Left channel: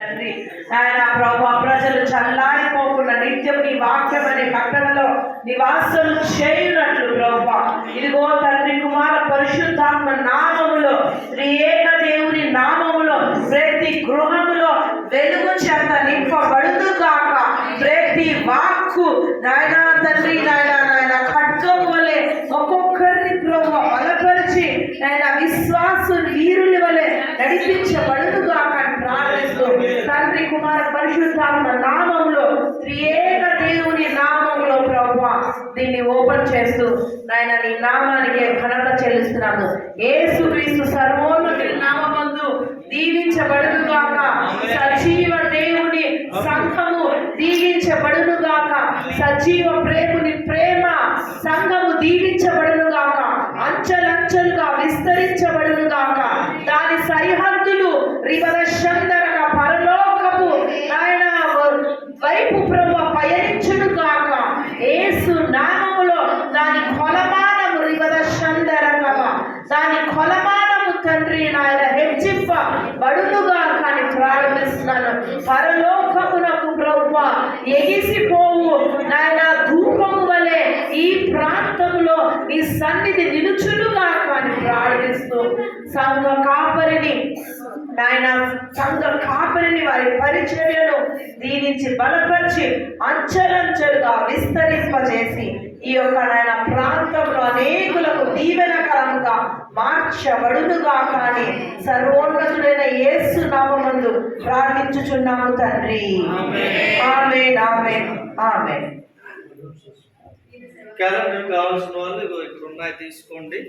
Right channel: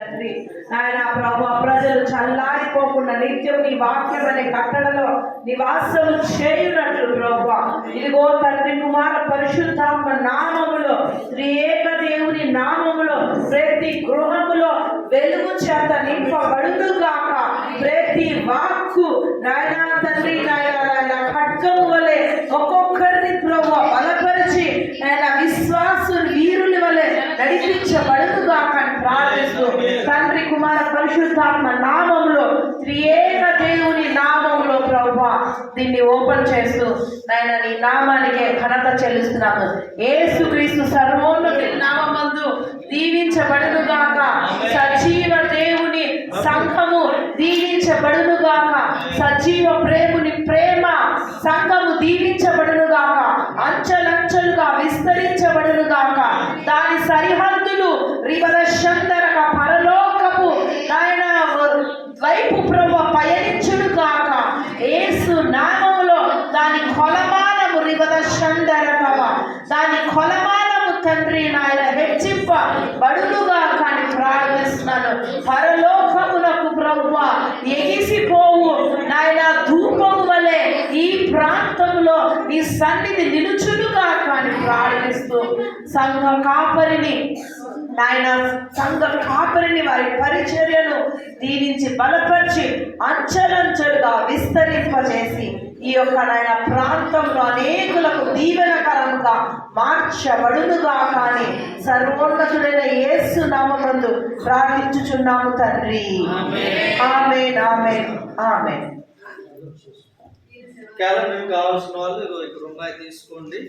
తండ్రి ఆయన ప్రభు ప్రజలు చల్లారిపోకుండా నిత్యం నీ వాక్యం అనే కట్టడలో నివాసం చేయునట్లు ప్రభు ఇదిగో తండ్రి కుమార పరిశుద్ధాత్మ నామములో త్రియేక దేవుని నామములో ప్రతి గృహములో వెలుగు చేత నింపబడును గాక. ప్రతి వాక్కు నాయన తండ్రి నాయన ఖడ్గము వలె ఒక్కొక్కరిని ప్రభు బలపరిచి ఆయన విశ్వాసులు వీరుల వలె నడిపించబడును గాక అని ప్రార్థిస్తూ తండ్రి కుమార పరిశుద్ధాత్మ నామములో త్రియేక దేవుని నామములో ప్రభువా దీన్ని ఓపెన్ చేస్తూ నాయన నీ నామానికి ఘనత చెల్లిస్తున్నాము. యేసుక్రీస్తు సర్వోన్నత నామమందు దీవించబడును గాక. సజీవ దేవుని సంఘము దీవించబడును గాక. సజీవ ప్రేముని ప్రేమ సంఘము దీవించబడును గాక. అంచెలంచెలుగా విస్తరించబడును గాక. దాని సరిహద్దులు రివదశందరగా పరలోకపు ఆయన వైపు ప్రభు పయనించును గాక. యేసు నామములో దాని కొలమానము రివదశందరగా దాని కొలమానము తండ్రి నాయన హెచ్చింపబడునుగా కానీ ప్రారంభిస్తున్నాను. పరలోకమునకు ప్రభు ఎగిసిపోవు నాయన ధూపము వలె ఈ ప్రాంతములో నీ సన్నిధి నిలుచునుగా కానీ ప్రార్థిస్తూ సంఘ కాపరిని నాయన సంఘ కాపరిని వారి పరిచర్యను దీవించి బలపరిచి అంచెలంచెలుగా విస్తరింపజేసి ఈ యొక్క నాయన ప్రాంతంలో అనేకులకు దీవెనకరంగా మార్చబడునుగా కానీ సర్వోన్నతుడైన యేసు నామమందు ప్రార్థించుచున్నాము తండ్రి. ఆమేన్ ఆమేన్ ఆమేన్. కావాల్సిన వాళ్ళు ఇక్కడ ఉన్నాయి తీసుకోండి.